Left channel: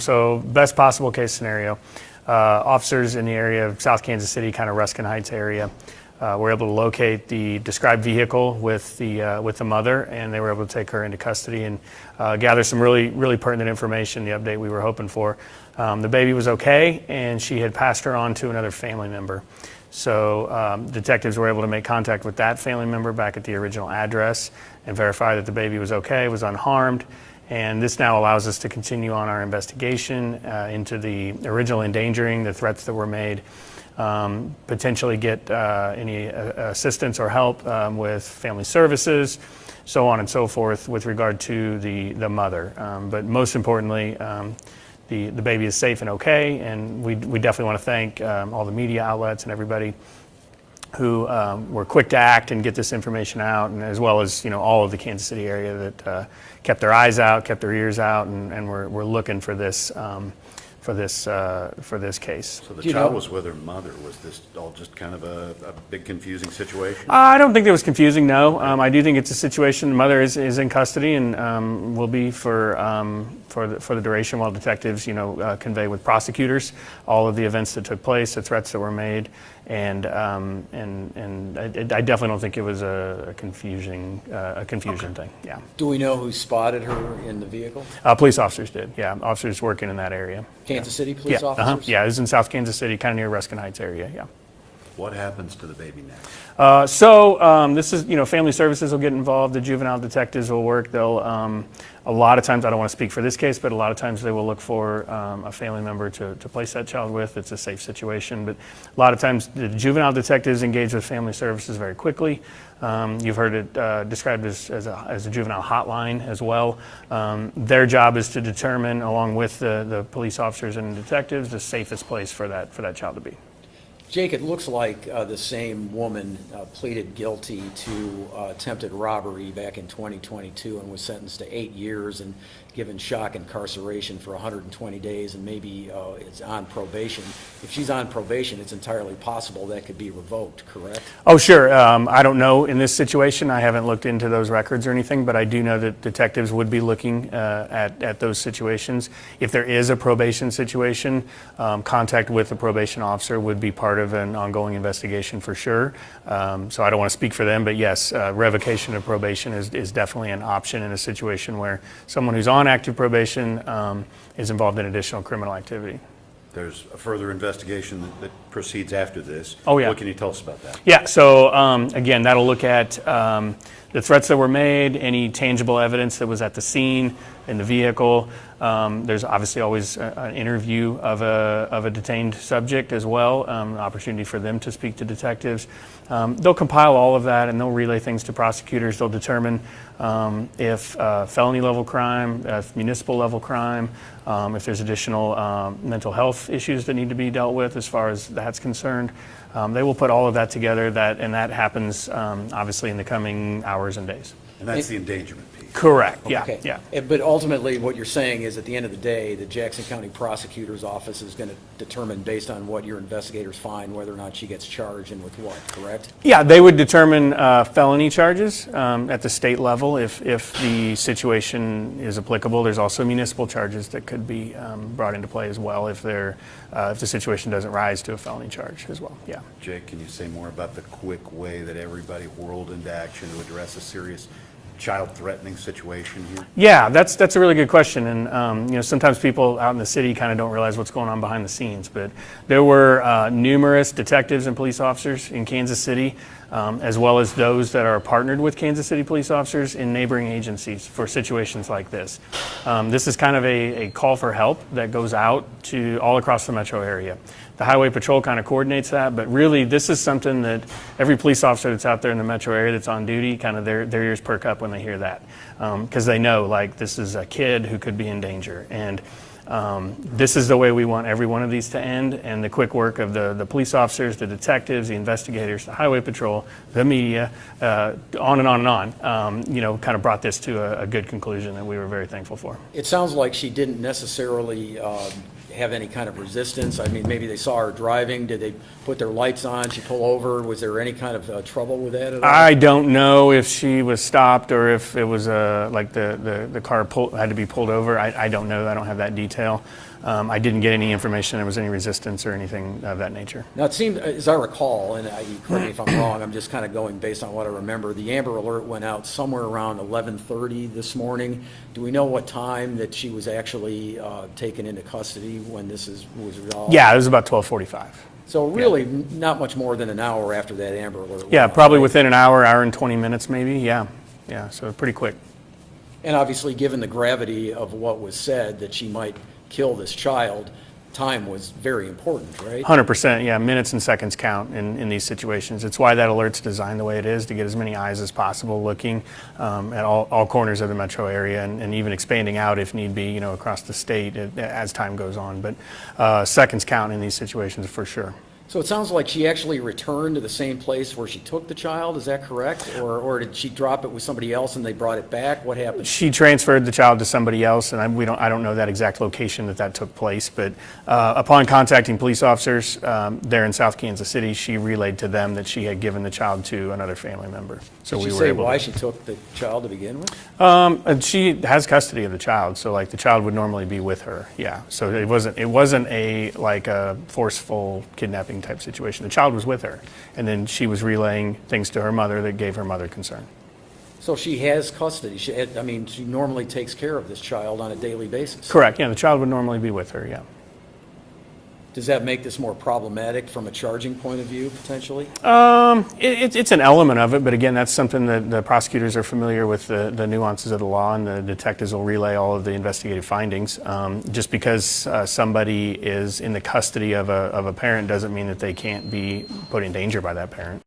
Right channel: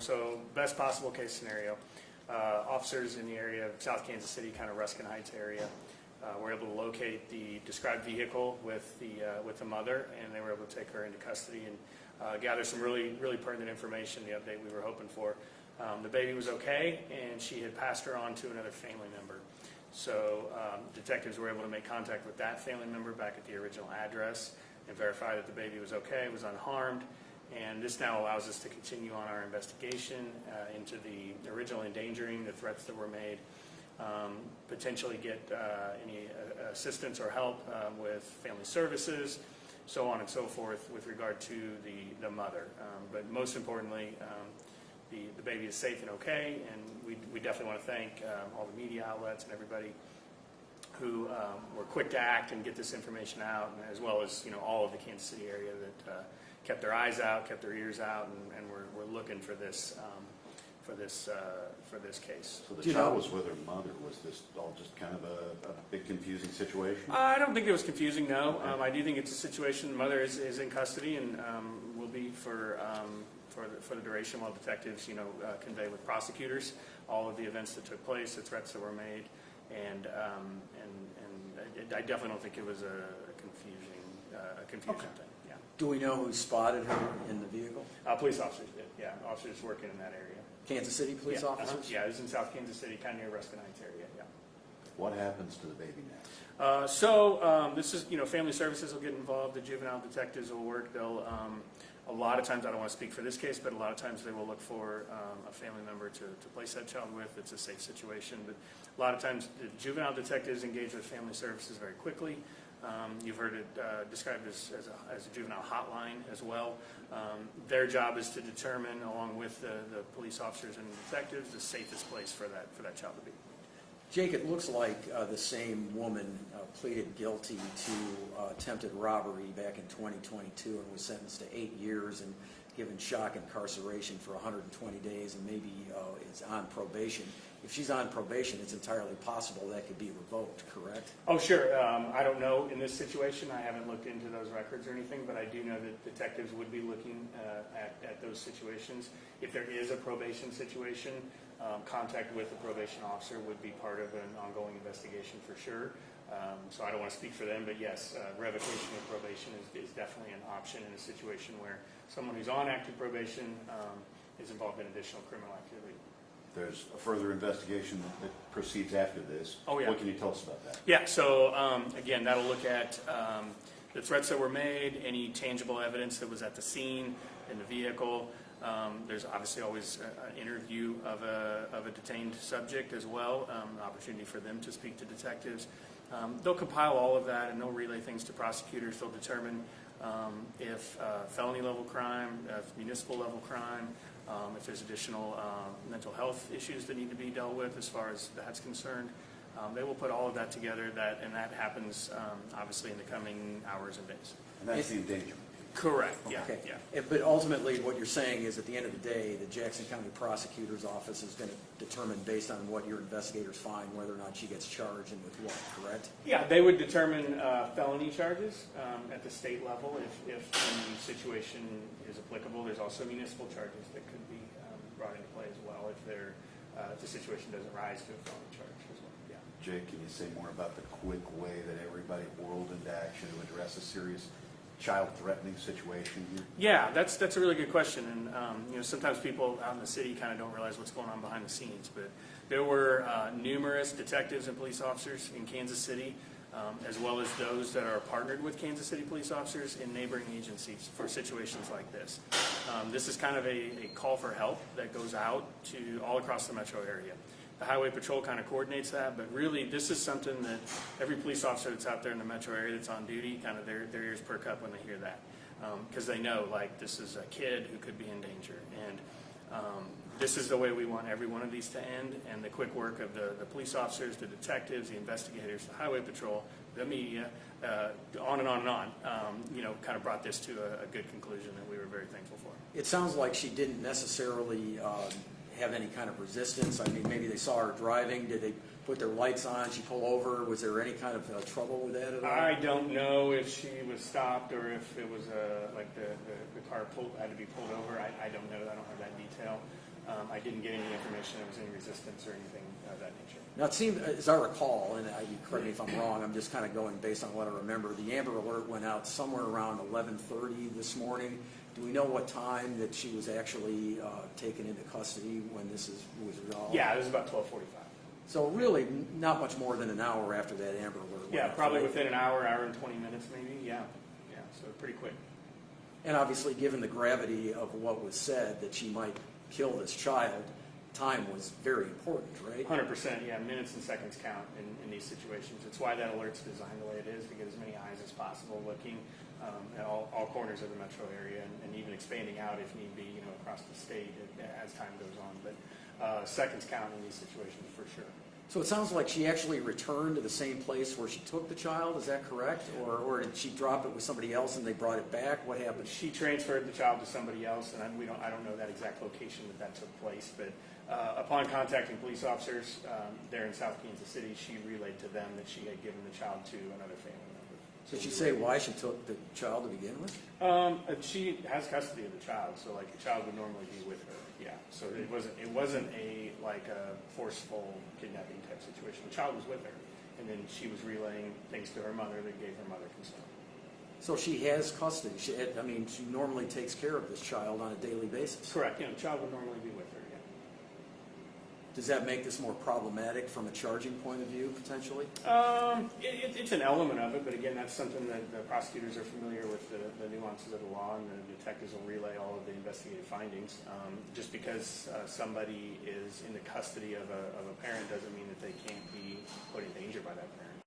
So best possible case scenario, officers in the area of South Kansas City, kind of Ruskin Heights area, were able to locate the described vehicle with the mother, and they were able to take her into custody and gather some really pertinent information, the update we were hoping for. The baby was okay, and she had passed her on to another family member. So detectives were able to make contact with that family member back at the original address and verify that the baby was okay, was unharmed. And this now allows us to continue on our investigation into the original endangering, the threats that were made, potentially get any assistance or help with family services, so on and so forth with regard to the mother. But most importantly, the baby is safe and okay, and we definitely want to thank all the media outlets and everybody who were quick to act and get this information out, and as well as all of the Kansas City area that kept their eyes out, kept their ears out, and we're looking for this case. So the child was with her mother. Was this all just kind of a big confusing situation? I don't think it was confusing. No, I do think it's a situation. The mother is in custody and will be for the duration while detectives convey with prosecutors all of the events that took place, the threats that were made. And I definitely don't think it was a confusing thing. Yeah. Do we know who spotted her in the vehicle? Police officers did. Yeah, officers working in that area. Kansas City police officers? Yeah, it was in South Kansas City, kind of near Ruskin Heights area. Yeah. What happens to the baby next? This is, family services will get involved. The juvenile detectives will work. They'll, a lot of times, I don't want to speak for this case, but a lot of times they will look for a family member to place that child with. It's a safe situation. But a lot of times the juvenile detectives engage with family services very quickly. You've heard it described as a juvenile hotline as well. Their job is to determine, along with the police officers and detectives, the safest place for that child to be. Jake, it looks like the same woman pleaded guilty to attempted robbery back in 2022 and was sentenced to 8 years and given shock incarceration for 120 days, and maybe is on probation. If she's on probation, it's entirely possible that could be revoked, correct? Oh, sure. I don't know in this situation. I haven't looked into those records or anything, but I do know that detectives would be looking at those situations. If there is a probation situation, contact with the probation officer would be part of an ongoing investigation for sure. So I don't want to speak for them, but yes, revocation of probation is definitely an option in a situation where someone who's on active probation is involved in additional criminal activity. There's a further investigation that proceeds after this. Oh, yeah. What can you tell us about that? Yeah, so again, that'll look at the threats that were made, any tangible evidence that was at the scene, in the vehicle. There's obviously always an interview of a detained subject as well, an opportunity for them to speak to detectives. They'll compile all of that and they'll relay things to prosecutors. They'll determine if felony level crime, if municipal level crime, if there's additional mental health issues that need to be dealt with as far as that's concerned. They will put all of that together, and that happens obviously in the coming hours and days. And that's the endangerment piece. Correct, yeah, Okay. yeah. But ultimately, what you're saying is at the end of the day, the Jackson County Prosecutor's Office is going to determine, based on what your investigators find, whether or not she gets charged and with what, correct? Yeah, they would determine felony charges at the state level if the situation is applicable. There's also municipal charges that could be brought into play as well if the situation doesn't rise to a felony charge as well, yeah. Jake, can you say more about the quick way that everybody whirled into action to address a serious child-threatening situation here? Yeah, that's a really good question, and sometimes people out in the city kind of don't realize what's going on behind the scenes. But there were numerous detectives and police officers in Kansas City, as well as those that are partnered with Kansas City police officers in neighboring agencies for situations like this. This is kind of a call for help that goes out to all across the metro area. The Highway Patrol kind of coordinates that, but really this is something that every police officer that's out there in the metro area that's on duty, kind of their ears perk up when they hear that, because they know, like, this is a kid who could be in danger. And this is the way we want every one of these to end, and the quick work of the police officers, the detectives, the investigators, the Highway Patrol, the media, on and on and on, kind of brought this to a good conclusion that we were very thankful for. It sounds like she didn't necessarily have any kind of resistance? I mean, maybe they saw her driving. Did they put their lights on? She pull over? Was there any kind of trouble with that at all? I don't know if she was stopped or if it was like the car had to be pulled over. I don't know. I don't have that detail. I didn't get any information there was any resistance or anything of that nature. Now, it seemed, as I recall, and you correct me if I'm wrong, I'm just kind of going based on what I remember, the Amber Alert went out somewhere around 11:30 this morning. Do we know what time that she was actually taken into custody when this was resolved? Yeah, it was about 12:45. So really, not much more than an hour after that Amber Alert went Yeah, out, probably right? within an hour and 20 minutes maybe. Yeah, so pretty quick. And obviously, given the gravity of what was said, that she might kill this child, time was very important, right? 100%, yeah, minutes and seconds count in these situations. It's why that alert's designed the way it is, to get as many eyes as possible looking at all corners of the metro area and even expanding out if need be, across the state as time goes on. But seconds count in these situations for sure. So it sounds like she actually returned to the same place where she took the child, is that correct? Or did she drop it with somebody else and they brought it back? What happened? She transferred the child to somebody else, and I don't know that exact location that took place, but upon contacting police officers there in South Kansas City, she relayed to them that she had given the child to another family member. So Did we she were say able why to. she took the child to begin with? And she has custody of the child, so like the child would normally be with her. Yeah, so it wasn't a forceful kidnapping type situation. The child was with her, and then she was relaying things to her mother that gave her mother concern. So she has custody. She normally takes care of this child on a daily basis. Correct. Yeah, the child would normally be with her. Yeah. Does that make this more problematic from a charging point of view, potentially? It's an element of it, but again, that's something that the prosecutors are familiar with the nuances of the law, and the detectives will relay all of the investigative findings. Just because somebody is in the custody of a parent doesn't mean that they can't be put in danger by that parent.